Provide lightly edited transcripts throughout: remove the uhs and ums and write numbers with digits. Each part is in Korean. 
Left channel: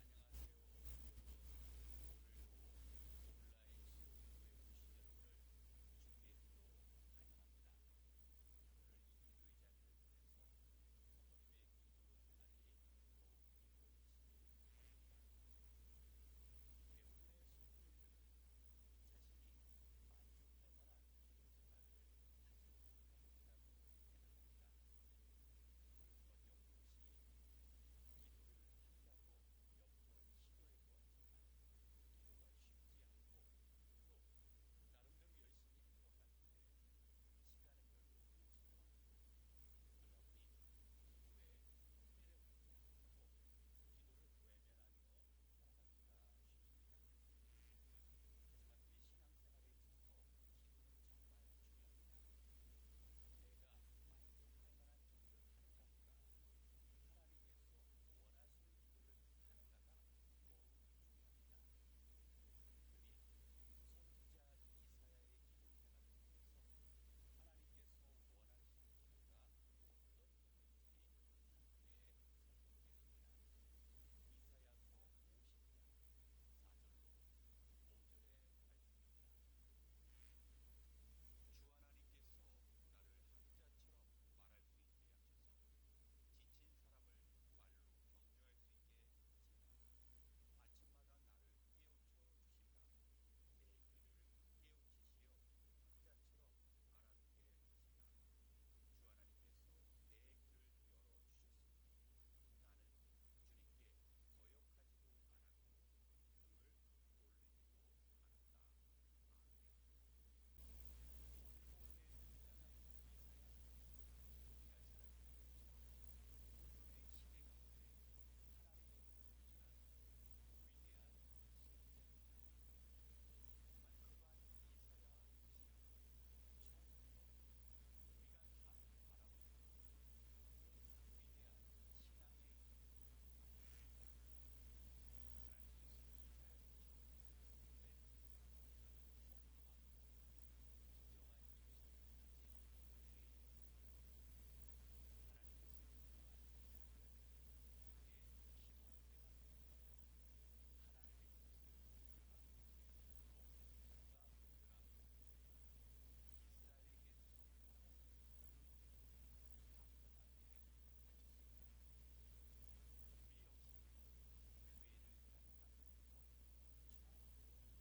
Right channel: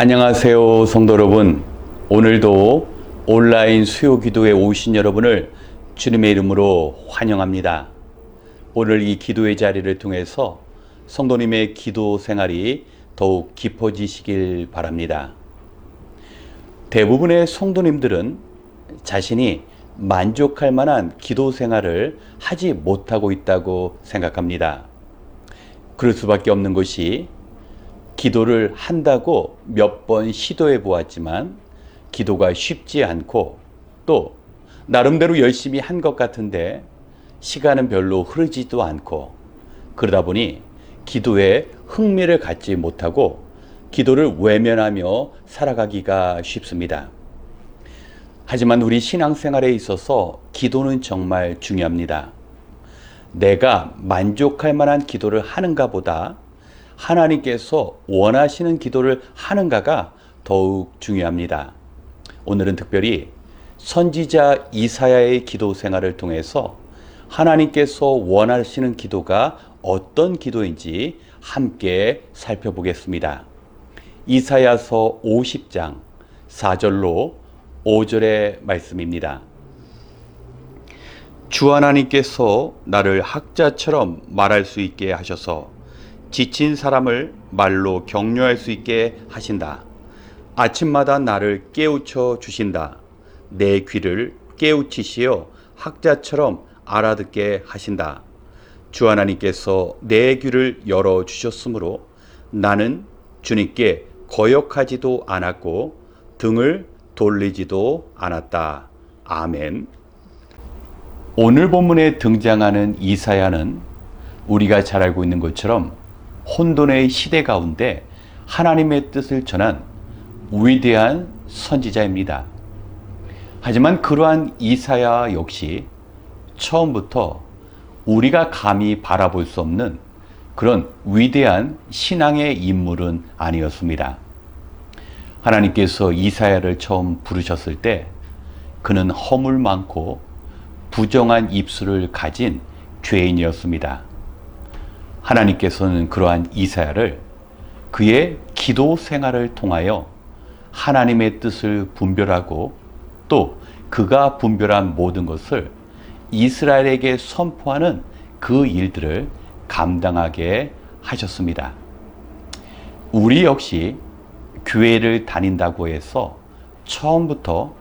안녕하세요, 성도 여러분. 오늘도 온라인 수요 기도에 오신 여러분을 주님의 이름으로 환영합니다. 오늘 이 기도의 자리를 통해서 성도님의 기도 생활이 더욱 깊어지시길 바랍니다. 대부분의 성도님들은 자신이 만족할 만한 기도 생활을 하지 못하고 있다고 생각합니다. 그럴 수밖에 없는 것이 기도를 한다고 몇 번 시도해 보았지만 기도가 쉽지 않고 또 나름대로 열심히 한 것 같은데 시간은 별로 흐르지도 않고 그러다 보니 기도에 흥미를 갖지 못하고 기도를 외면하며 살아가기가 쉽습니다. 하지만 우리 신앙생활에 있어서 기도는 정말 중요합니다. 내가 만족할 만한 기도를 하는가 보다 하나님께서 원하시는 기도를 하는가가 더욱 중요합니다. 오늘은 특별히 선지자 이사야의 기도 생활을 통해서 하나님께서 원하시는 기도가 어떤 기도인지 함께 살펴보겠습니다. 이사야서 50장 4절로 5절의 말씀입니다. 주 하나님께서 나를 학자처럼 말할 수 있게 하셔서 지친 사람을 말로 격려할 수 있게 하신다. 아침마다 나를 깨우쳐 주신다. 내 귀를 깨우치시어 학자처럼 알아듣게 하신다. 주 하나님께서 내 귀를 열어 주셨으므로 나는 주님께 거역하지도 않았고 등을 돌리지도 않았다. 아멘. 오늘 본문에 등장하는 이사야는 우리가 잘 알고 있는 것처럼 혼돈의 시대 가운데 하나님의 뜻을 전한 위대한 선지자입니다. 하지만 그러한 이사야 역시 처음부터 우리가 감히 바라볼 수 없는 그런 위대한 신앙의 인물은 아니었습니다. 하나님께서 이사야를 처음 부르셨을 때 그는 허물 많고 부정한 입술을 가진 죄인이었습니다. 하나님께서는 그러한 이사야를 그의 기도 생활을 통하여 하나님의 뜻을 분별하고 또 그가 분별한 모든 것을 이스라엘에게 선포하는 그 일들을 감당하게 하셨습니다. 우리 역시 교회를 다닌다고 해서 처음부터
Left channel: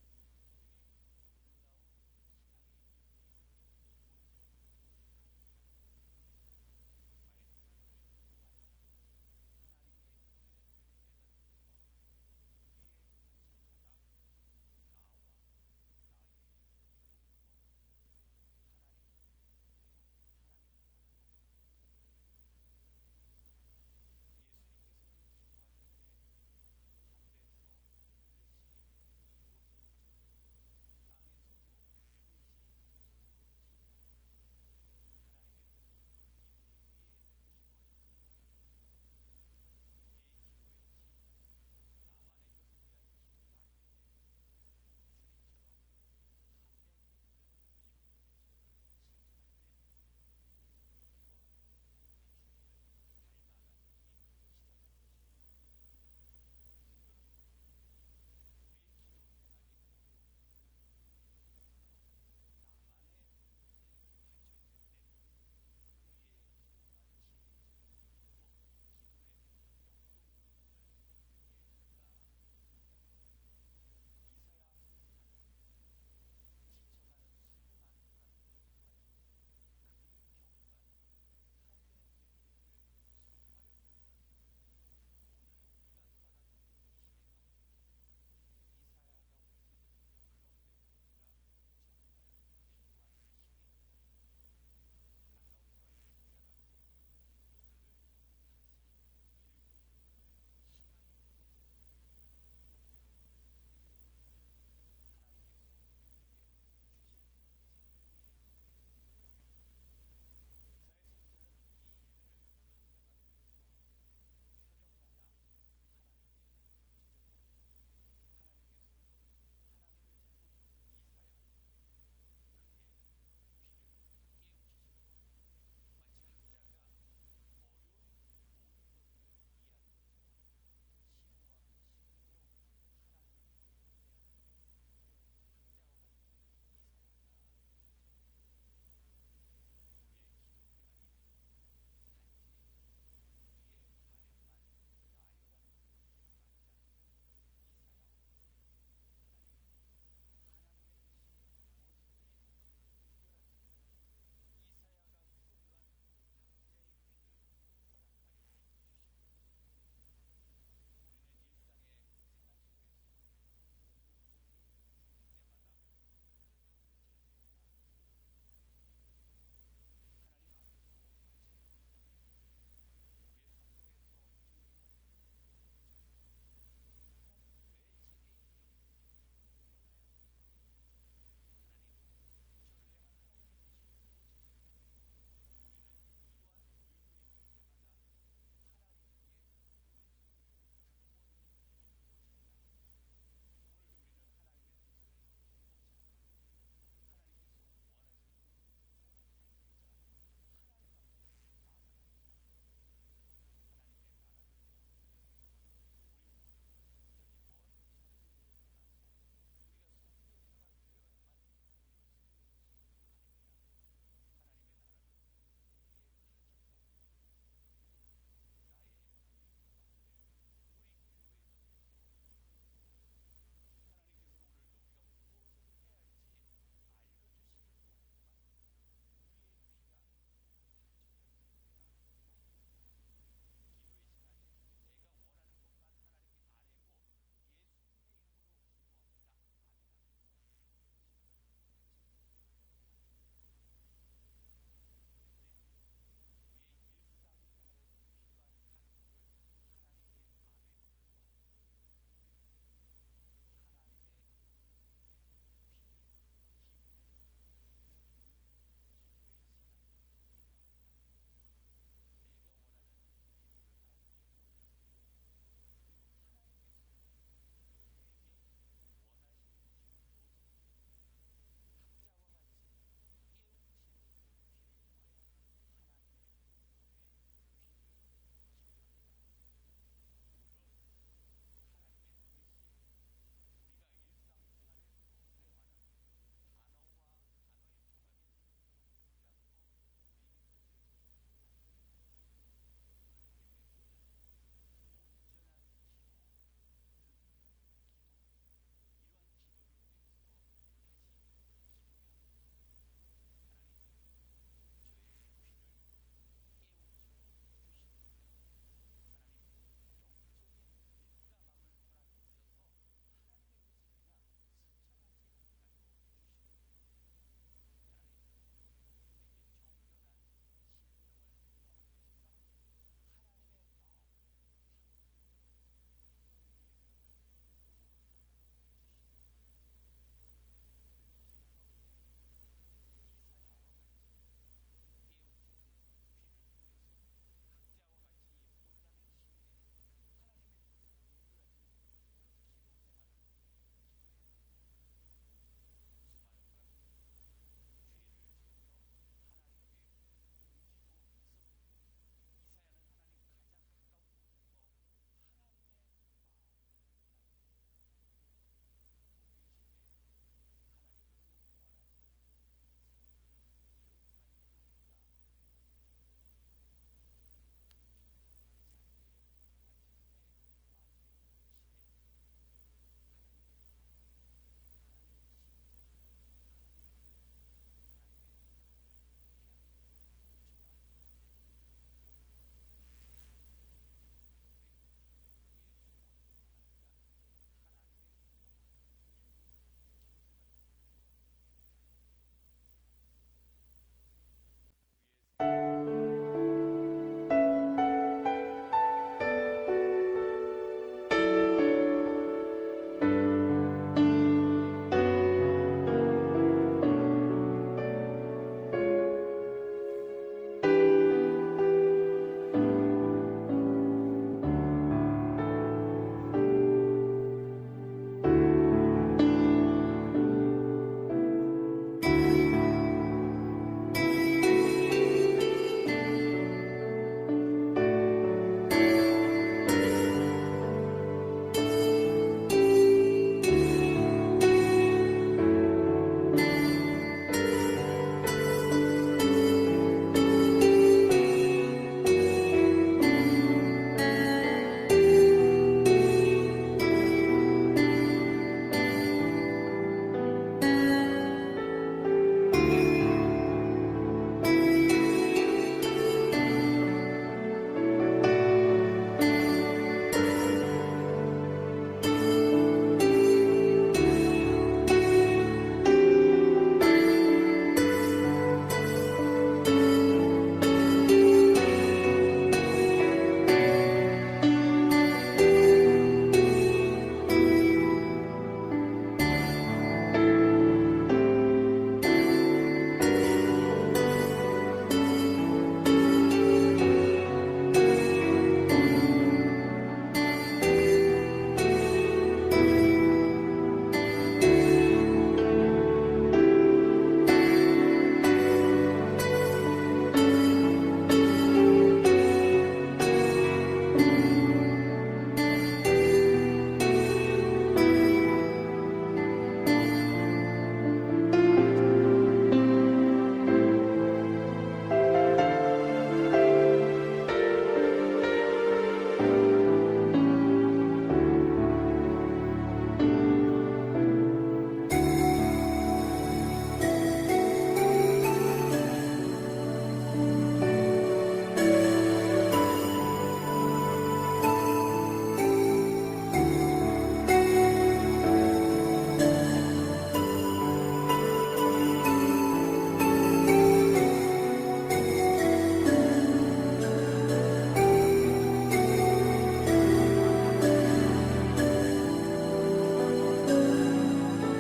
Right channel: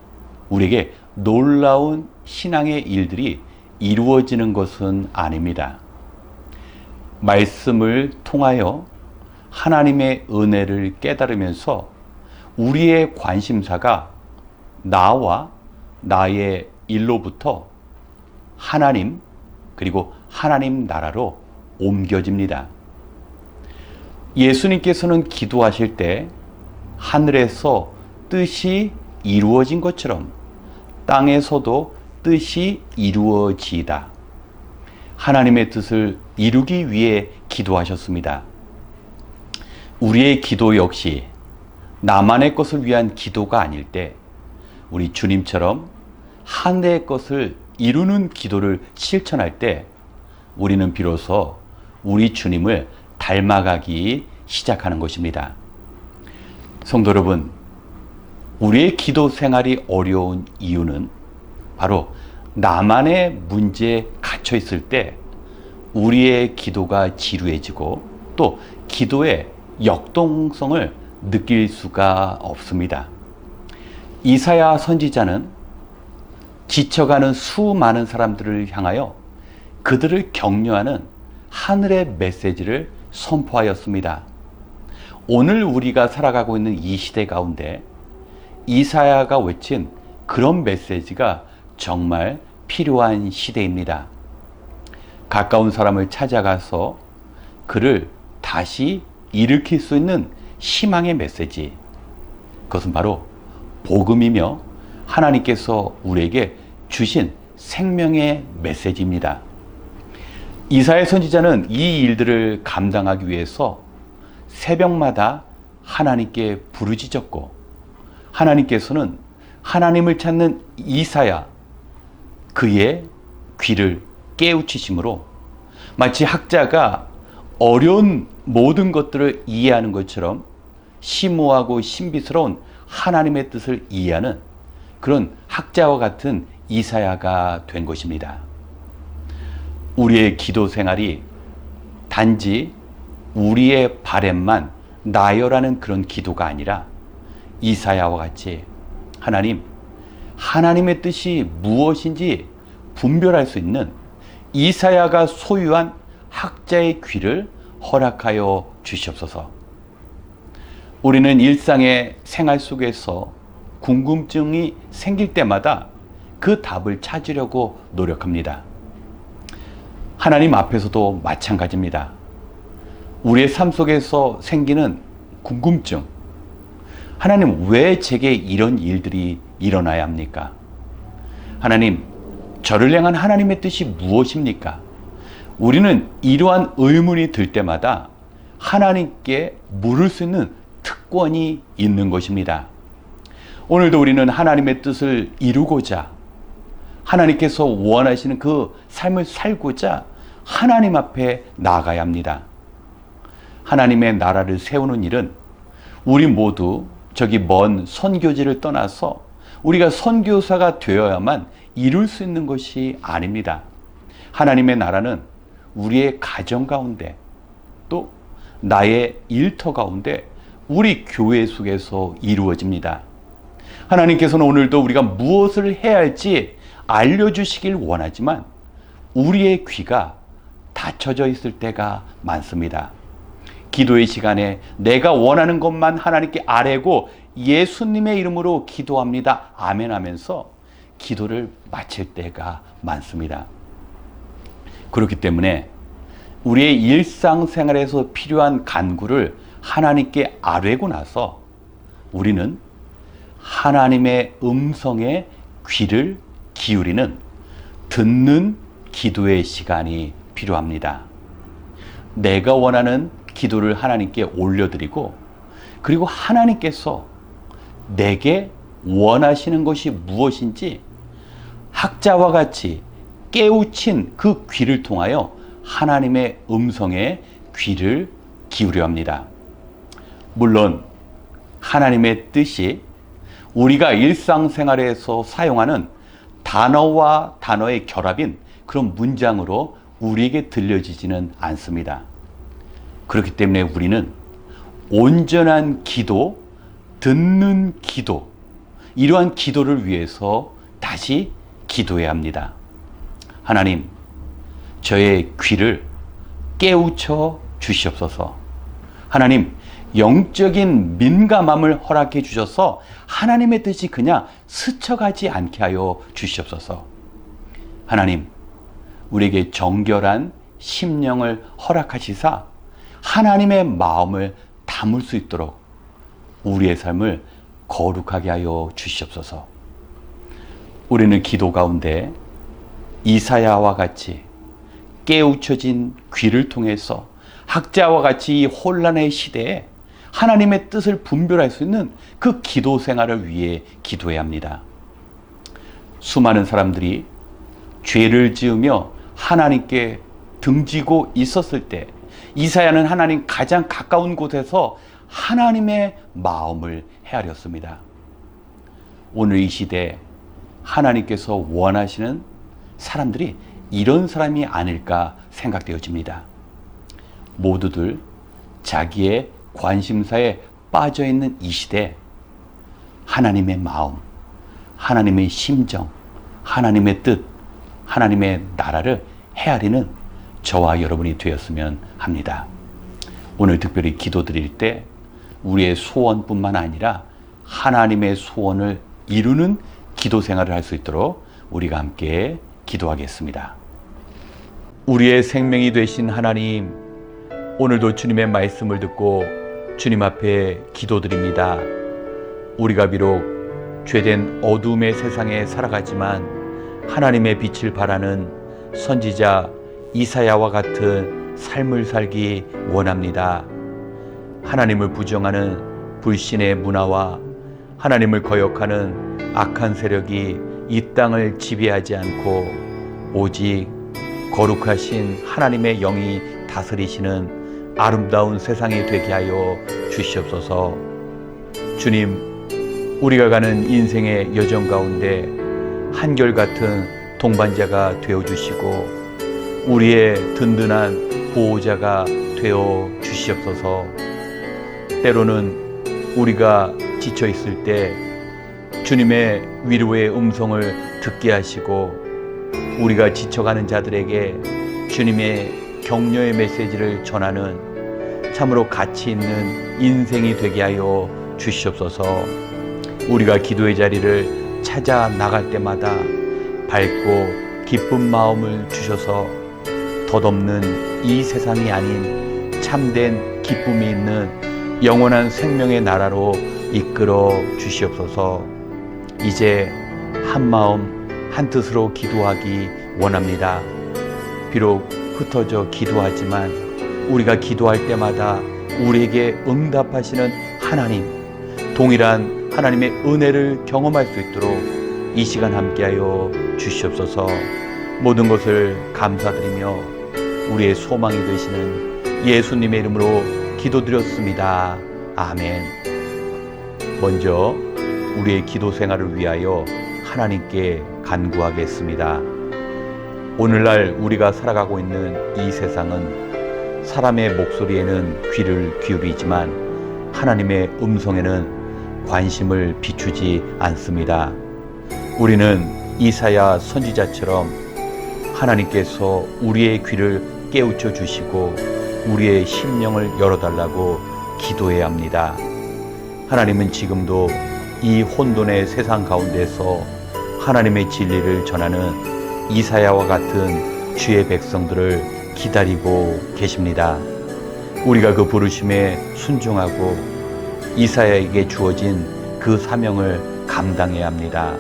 우리에게 놀라운 신앙의 일들이 이루어지는 것은 아닙니다. 말씀을 통하여 하나님의 은혜를 깨달으면서 우리의 관심사가 나와 나의 일로부터 하나님 그리고 하나님 나라로 옮겨집니다. 예수님께서는 기도하실 때 하늘에서 뜻이 이루어진 것처럼 땅에서도 뜻이 이루어지이다. 하나님의 뜻을 이루기 위해 기도하셨습니다. 우리의 기도 역시 나만의 것을 위한 기도가 아닐 때 우리 주님처럼 하늘의 것을 이루는 기도를 실천할 때 우리는 비로소 우리 주님을 닮아가기 시작하는 것입니다. 성도 여러분, 우리의 기도 생활이 어려운 이유는 바로 나만의 문제에 갇혀 있을 때 우리의 기도가 지루해지고 또 기도의 역동성을 느낄 수가 없습니다. 이사야 선지자는 지쳐가는 수많은 사람들을 향하여 그들을 격려하는 하늘의 메시지를 선포하였습니다. 오늘 우리가 살아가고 있는 이 시대 가운데 이사야가 외친 그런 메시지가 정말 필요한 시대입니다. 가까운 사람을 찾아가서 그를 다시 일으킬 수 있는 희망의 메시지. 그것은 바로 복음이며 하나님께서 우리에게 주신 생명의 메시지입니다. 이사야 선지자는 이 일들을 감당하기 위해서 새벽마다 하나님께 부르짖었고 하나님께서는 하나님을 찾는 이사야 그의 귀를 깨우치심으로 마치 학자가 어려운 모든 것들을 이해하는 것처럼 심오하고 신비스러운 하나님의 뜻을 이해하는 그런 학자와 같은 이사야가 된 것입니다. 우리의 기도 생활이 단지 우리의 바램만 나열하는 그런 기도가 아니라 이사야와 같이 하나님의 뜻이 무엇인지 분별할 수 있는 이사야가 소유한 학자의 귀를 허락하여 주시옵소서. 우리는 일상의 생활 속에서 궁금증이 생길 때마다 그 답을 찾으려고 노력합니다. 하나님 앞에서도 마찬가지입니다. 우리의 삶 속에서 생기는 궁금증, 하나님 왜 제게 이런 일들이 일어나야 합니까? 하나님, 저를 향한 하나님의 뜻이 무엇입니까? 우리는 이러한 의문이 들 때마다 하나님께 물을 수 있는 특권이 있는 것입니다. 오늘도 우리는 하나님의 뜻을 이루고자, 하나님께서 원하시는 그 삶을 살고자 하나님 앞에 나아가야 합니다. 하나님의 나라를 세우는 일은 우리 모두 저기 먼 선교지를 떠나서 우리가 선교사가 되어야만 이룰 수 있는 것이 아닙니다. 하나님의 나라는 우리의 가정 가운데, 또 나의 일터 가운데, 우리 교회 속에서 이루어집니다. 하나님께서는 오늘도 우리가 무엇을 해야 할지 알려주시길 원하지만 우리의 귀가 닫혀져 있을 때가 많습니다. 기도의 시간에 내가 원하는 것만 하나님께 아뢰고 예수님의 이름으로 기도합니다. 아멘 하면서 기도를 마칠 때가 많습니다. 그렇기 때문에 우리의 일상생활에서 필요한 간구를 하나님께 아뢰고 나서 우리는 하나님의 음성에 귀를 기울이는 듣는 기도의 시간이 필요합니다. 내가 원하는 기도를 하나님께 올려드리고, 그리고 하나님께서 내게 원하시는 것이 무엇인지 학자와 같이 깨우친 그 귀를 통하여 하나님의 음성에 귀를 기울여 합니다. 물론 하나님의 뜻이 우리가 일상생활에서 사용하는 단어와 단어의 결합인 그런 문장으로 우리에게 들려지지는 않습니다. 그렇기 때문에 우리는 온전한 기도, 듣는 기도, 이러한 기도를 위해서 다시 기도해야 합니다. 하나님, 저의 귀를 깨우쳐 주시옵소서. 하나님, 영적인 민감함을 허락해 주셔서 하나님의 뜻이 그냥 스쳐가지 않게 하여 주시옵소서. 하나님, 우리에게 정결한 심령을 허락하시사 하나님의 마음을 담을 수 있도록 우리의 삶을 거룩하게 하여 주시옵소서. 우리는 기도 가운데 이사야와 같이 깨우쳐진 귀를 통해서 학자와 같이 이 혼란의 시대에 하나님의 뜻을 분별할 수 있는 그 기도 생활을 위해 기도해야 합니다. 수많은 사람들이 죄를 지으며 하나님께 등지고 있었을 때 이사야는 하나님 가장 가까운 곳에서 하나님의 마음을 헤아렸습니다. 오늘 이 시대에 하나님께서 원하시는 사람들이 이런 사람이 아닐까 생각되어집니다. 모두들 자기의 관심사에 빠져있는 이 시대에 하나님의 마음, 하나님의 심정, 하나님의 뜻, 하나님의 나라를 헤아리는 저와 여러분이 되었으면 합니다. 오늘 특별히 기도드릴 때 우리의 소원뿐만 아니라 하나님의 소원을 이루는 기도 생활을 할 수 있도록 우리가 함께 기도하겠습니다. 우리의 생명이 되신 하나님, 오늘도 주님의 말씀을 듣고 주님 앞에 기도드립니다. 우리가 비록 죄된 어둠의 세상에 살아가지만 하나님의 빛을 바라는 선지자 이사야와 같은 삶을 살기 원합니다. 하나님을 부정하는 불신의 문화와 하나님을 거역하는 악한 세력이 이 땅을 지배하지 않고 오직 거룩하신 하나님의 영이 다스리시는 아름다운 세상이 되게 하여 주시옵소서. 주님, 우리가 가는 인생의 여정 가운데 한결같은 동반자가 되어주시고 우리의 든든한 보호자가 되어 주시옵소서. 때로는 우리가 지쳐있을 때 주님의 위로의 음성을 듣게 하시고 우리가 지쳐가는 자들에게 주님의 격려의 메시지를 전하는 참으로 가치 있는 인생이 되게 하여 주시옵소서. 우리가 기도의 자리를 찾아 나갈 때마다 밝고 기쁜 마음을 주셔서 덧없는 이 세상이 아닌 참된 기쁨이 있는 영원한 생명의 나라로 이끌어 주시옵소서. 이제 한 마음 한 뜻으로 기도하기 원합니다. 비록 흩어져 기도하지만 우리가 기도할 때마다 우리에게 응답하시는 하나님, 동일한 하나님의 은혜를 경험할 수 있도록 이 시간 함께하여 주시옵소서. 모든 것을 감사드리며 우리의 소망이 되시는 예수님의 이름으로 기도드렸습니다. 아멘. 먼저 우리의 기도 생활을 위하여 하나님께 간구하겠습니다. 오늘날 우리가 살아가고 있는 이 세상은 사람의 목소리에는 귀를 기울이지만 하나님의 음성에는 관심을 비추지 않습니다. 우리는 이사야 선지자처럼 하나님께서 우리의 귀를 깨우쳐 주시고 우리의 심령을 열어달라고 기도해야 합니다. 하나님은 지금도 이 혼돈의 세상 가운데서 하나님의 진리를 전하는 이사야와 같은 주의 백성들을 기다리고 계십니다. 우리가 그 부르심에 순종하고 이사야에게 주어진 그 사명을 감당해야 합니다.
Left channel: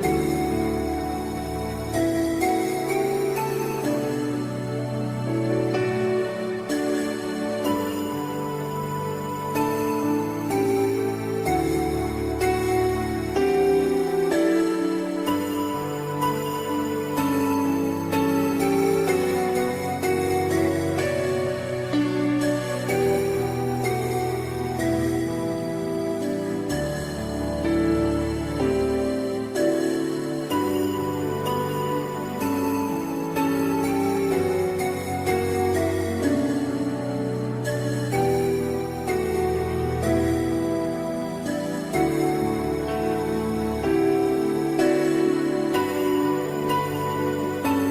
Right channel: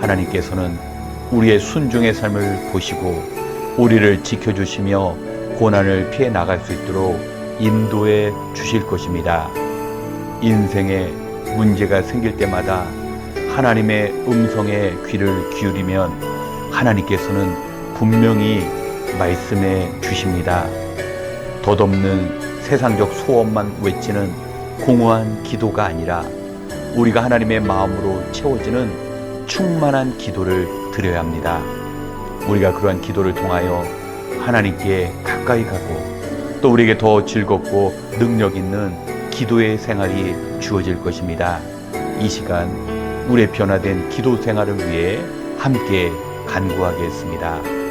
하나님께서는 우리의 순종의 삶을 보시고 우리를 지켜주시며 고난을 피해 나갈 수 있도록 인도해 주실 것입니다. 인생에 문제가 생길 때마다 하나님의 음성에 귀를 기울이면 하나님께서는 분명히 말씀해 주십니다. 덧없는 세상적 소원만 외치는 공허한 기도가 아니라 우리가 하나님의 마음으로 채워지는 충만한 기도를 드려야 합니다. 우리가 그러한 기도를 통하여 하나님께 가까이 가고 또 우리에게 더 즐겁고 능력 있는 기도의 생활이 주어질 것입니다. 이 시간 우리의 변화된 기도 생활을 위해 함께 간구하겠습니다.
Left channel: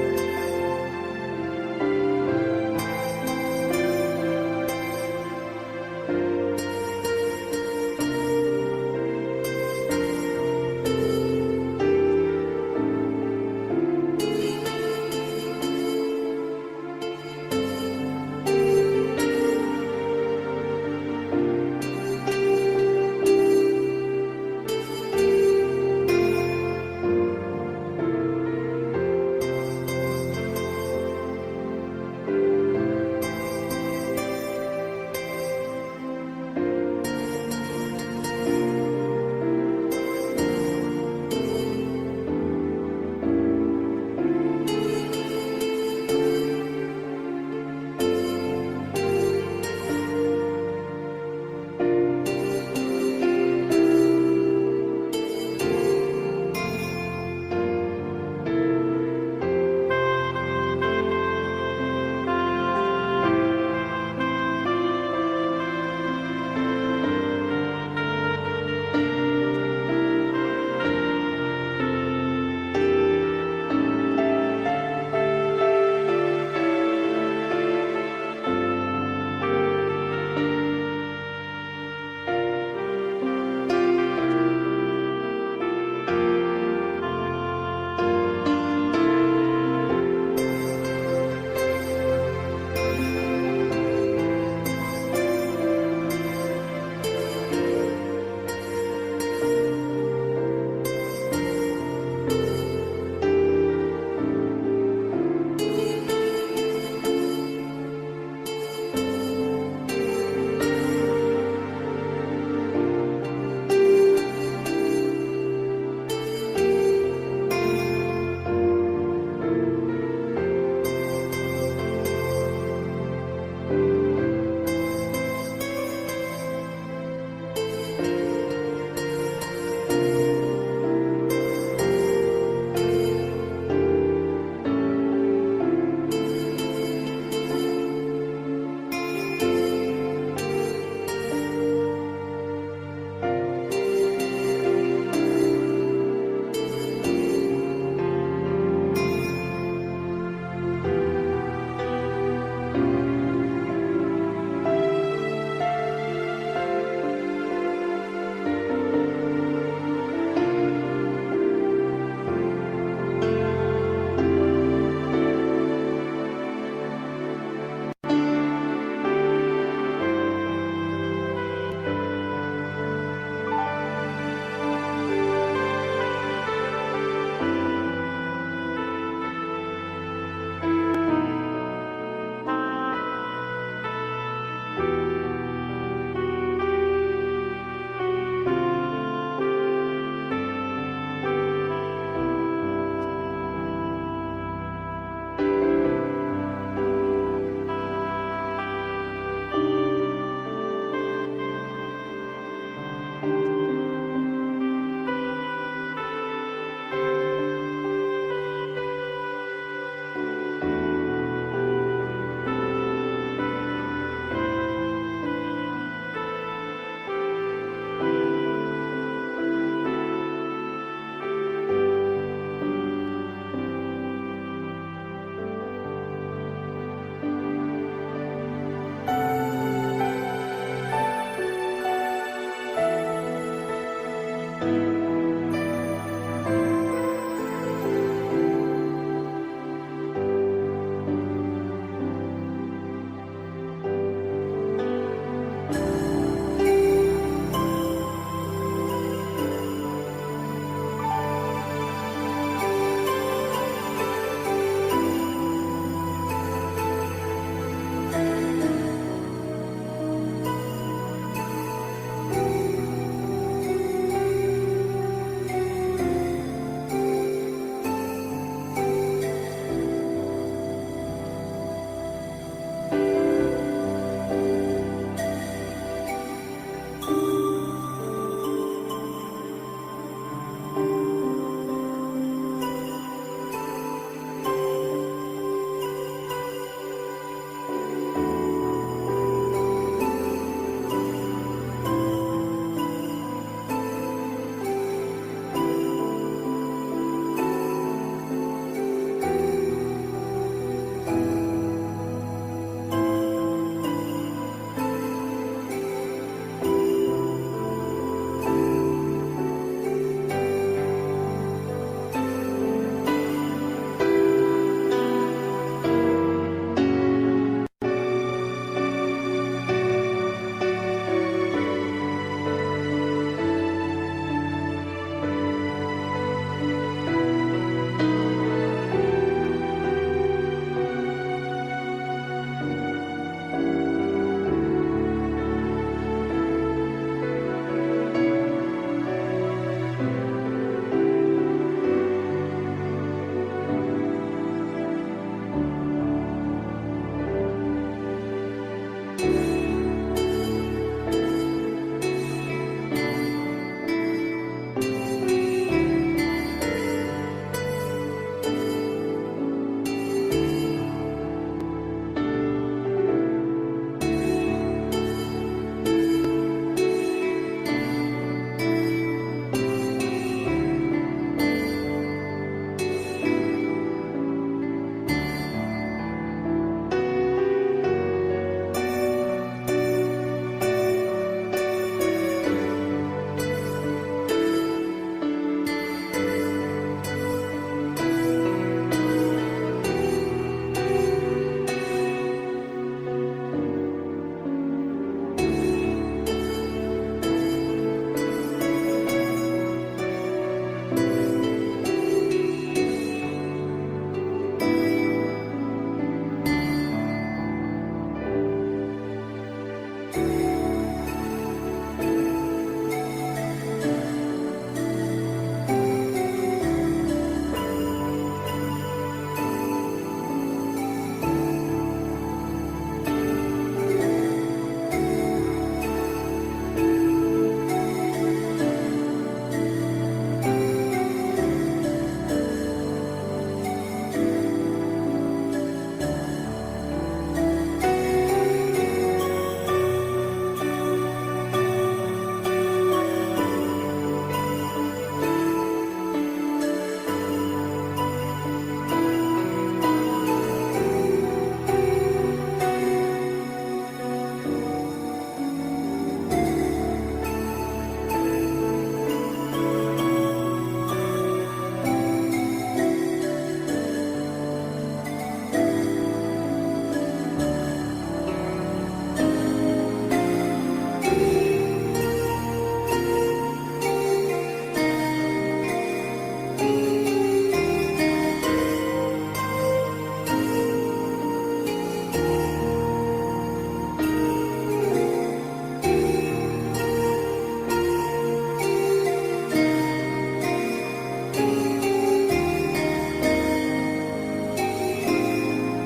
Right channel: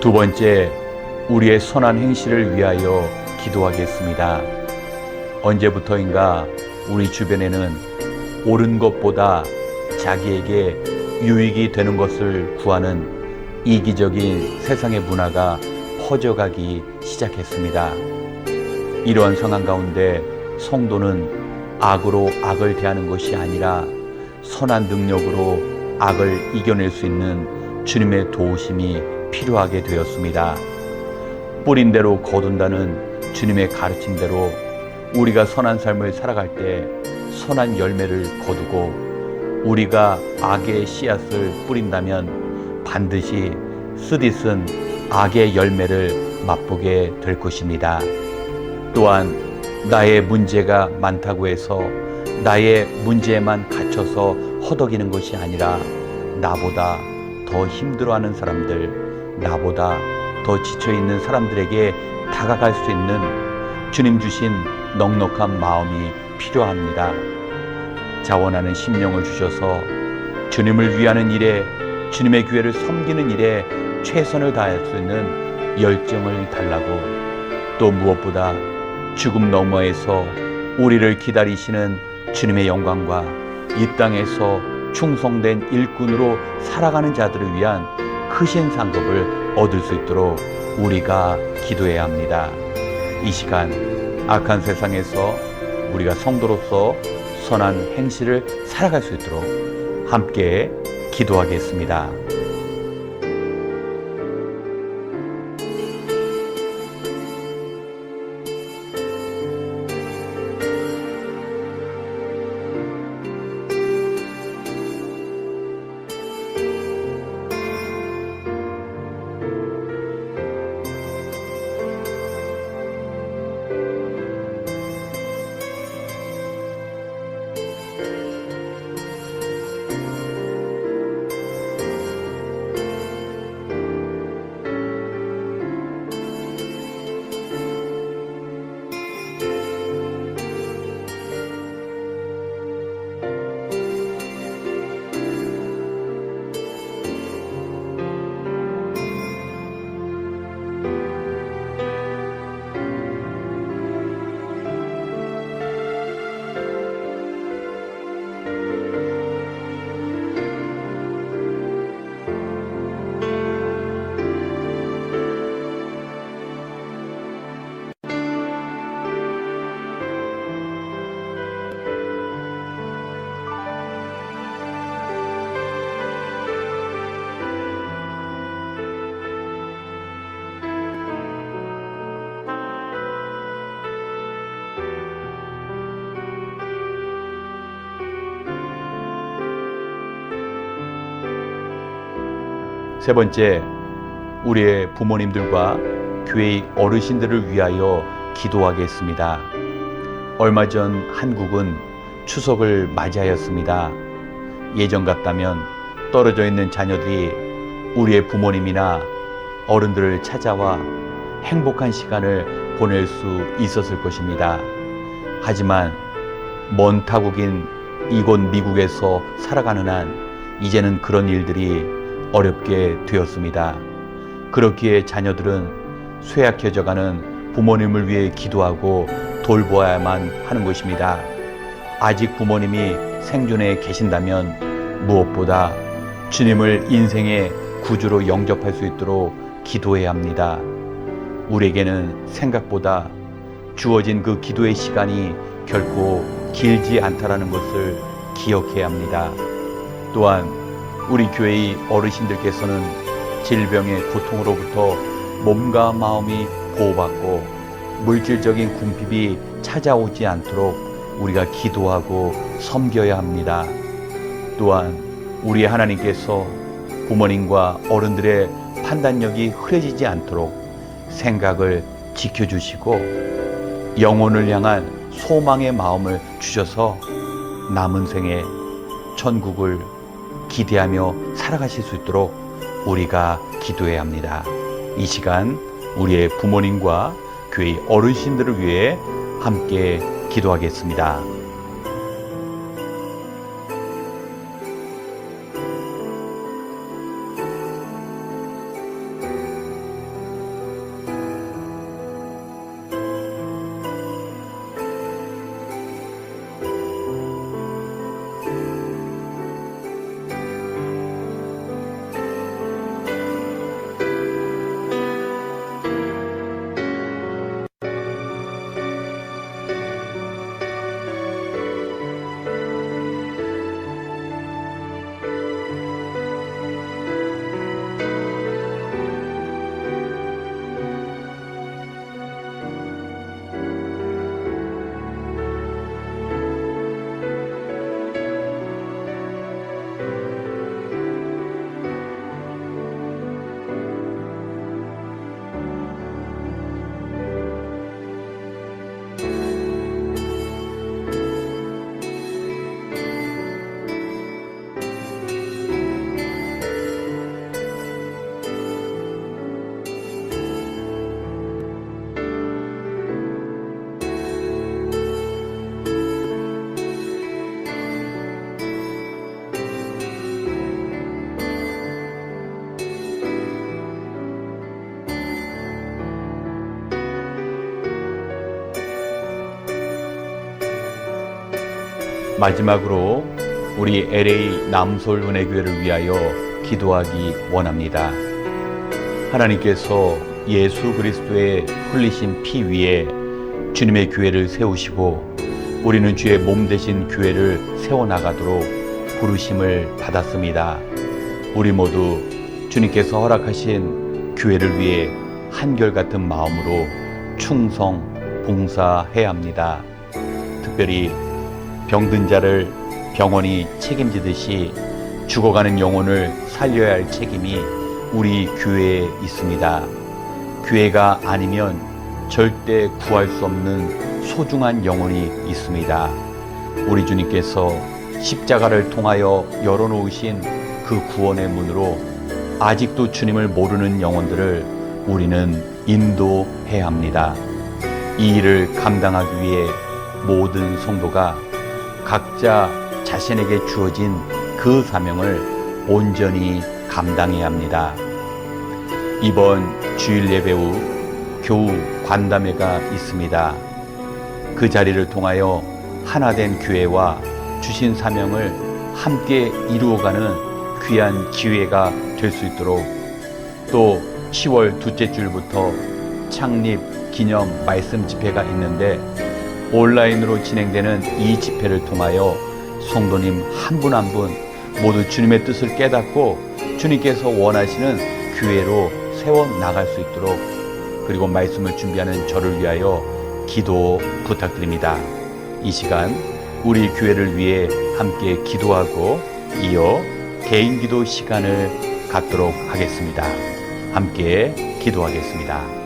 두 번째, 우리의 선한 행실을 위하여 기도하겠습니다. 언제부터인가 우리 주변에는 옳은 것보다 자기에게 유익이 되는 것을 구하는 이기적인 세상의 문화가 퍼져가기 시작했습니다. 이러한 상황 가운데 성도는 악으로 악을 대하는 것이 아니라 선한 능력으로 악을 이겨낼 수 있는 주님의 도우심이 필요하게 되었습니다. 뿌린 대로 거둔다는 주님의 가르침대로 우리가 선한 삶을 살아갈 때 선한 열매를 거두고, 우리가 악의 씨앗을 뿌린다면 반드시 쓰디쓴 악의 열매를 맛보게 될 것입니다. 또한 나의 문제가 많다고 해서 나의 문제에만 갇혀서 허덕이는 것이 아니라, 나보다 더 힘들어하는 사람들, 나보다 더 지쳐있는 사람들에게 다가갈 수 있는 주님 주신 넉넉한 마음이 필요합니다. 자원하는 심령을 주셔서 주님을 위하는 일에, 주님의 교회를 섬기는 일에 최선을 다할 수 있는 열정을 달라고, 또 무엇보다 죽음 너머에서 우리를 기다리시는 주님의 영광과 이 땅에서 충성된 일꾼으로 살아가는 자들을 위한 크신 상급을 얻을 수 있도록 우리가 기도해야 합니다. 이 시간 악한 세상에서 우리가 성도로서 선한 행실을 살아갈 수 있도록 함께 기도하겠습니다. 세 번째, 우리의 부모님들과 교회의 어르신들을 위하여 기도하겠습니다. 얼마 전 한국은 추석을 맞이하였습니다. 예전 같다면 떨어져 있는 자녀들이 우리의 부모님이나 어른들을 찾아와 행복한 시간을 보낼 수 있었을 것입니다. 하지만 먼 타국인 이곳 미국에서 살아가는 한 이제는 그런 일들이 어렵게 되었습니다. 그렇기에 자녀들은 쇠약해져가는 부모님을 위해 기도하고 돌보아야만 하는 것입니다. 아직 부모님이 생존해 계신다면 무엇보다 주님을 인생의 구주로 영접할 수 있도록 기도해야 합니다. 우리에게는 생각보다 주어진 그 기도의 시간이 결코 길지 않다라는 것을 기억해야 합니다. 또한 우리 교회의 어르신들께서는 질병의 고통으로부터 몸과 마음이 보호받고 물질적인 궁핍이 찾아오지 않도록 우리가 기도하고 섬겨야 합니다. 또한 우리 하나님께서 부모님과 어른들의 판단력이 흐려지지 않도록 생각을 지켜주시고 영혼을 향한 소망의 마음을 주셔서 남은 생에 천국을 기대하며 살아가실 수 있도록 우리가 기도해야 합니다. 이 시간 우리의 부모님과 교회 어르신들을 위해 함께 기도하겠습니다. 마지막으로 우리 LA 남솔 은혜교회를 위하여 기도하기 원합니다. 하나님께서 예수 그리스도의 흘리신 피 위에 주님의 교회를 세우시고 우리는 주의 몸 되신 교회를 세워나가도록 부르심을 받았습니다. 우리 모두 주님께서 허락하신 교회를 위해 한결같은 마음으로 충성, 봉사해야 합니다. 특별히 병든 자를 병원이 책임지듯이 죽어가는 영혼을 살려야 할 책임이 우리 교회에 있습니다. 교회가 아니면 절대 구할 수 없는 소중한 영혼이 있습니다. 우리 주님께서 십자가를 통하여 열어놓으신 그 구원의 문으로 아직도 주님을 모르는 영혼들을 우리는 인도해야 합니다. 이 일을 감당하기 위해 모든 성도가 각자 자신에게 주어진 그 사명을 온전히 감당해야 합니다. 이번 주일 예배 후 교우 관담회가 있습니다. 그 자리를 통하여 하나된 교회와 주신 사명을 함께 이루어가는 귀한 기회가 될 수 있도록, 또 10월 둘째 주일부터 창립 기념 말씀 집회가 있는데 온라인으로 진행되는 이 집회를 통하여 성도님 한 분 한 분 모두 주님의 뜻을 깨닫고 주님께서 원하시는 교회로 세워나갈 수 있도록, 그리고 말씀을 준비하는 저를 위하여 기도 부탁드립니다. 이 시간 우리 교회를 위해 함께 기도하고 이어 개인 기도 시간을 갖도록 하겠습니다. 함께 기도하겠습니다.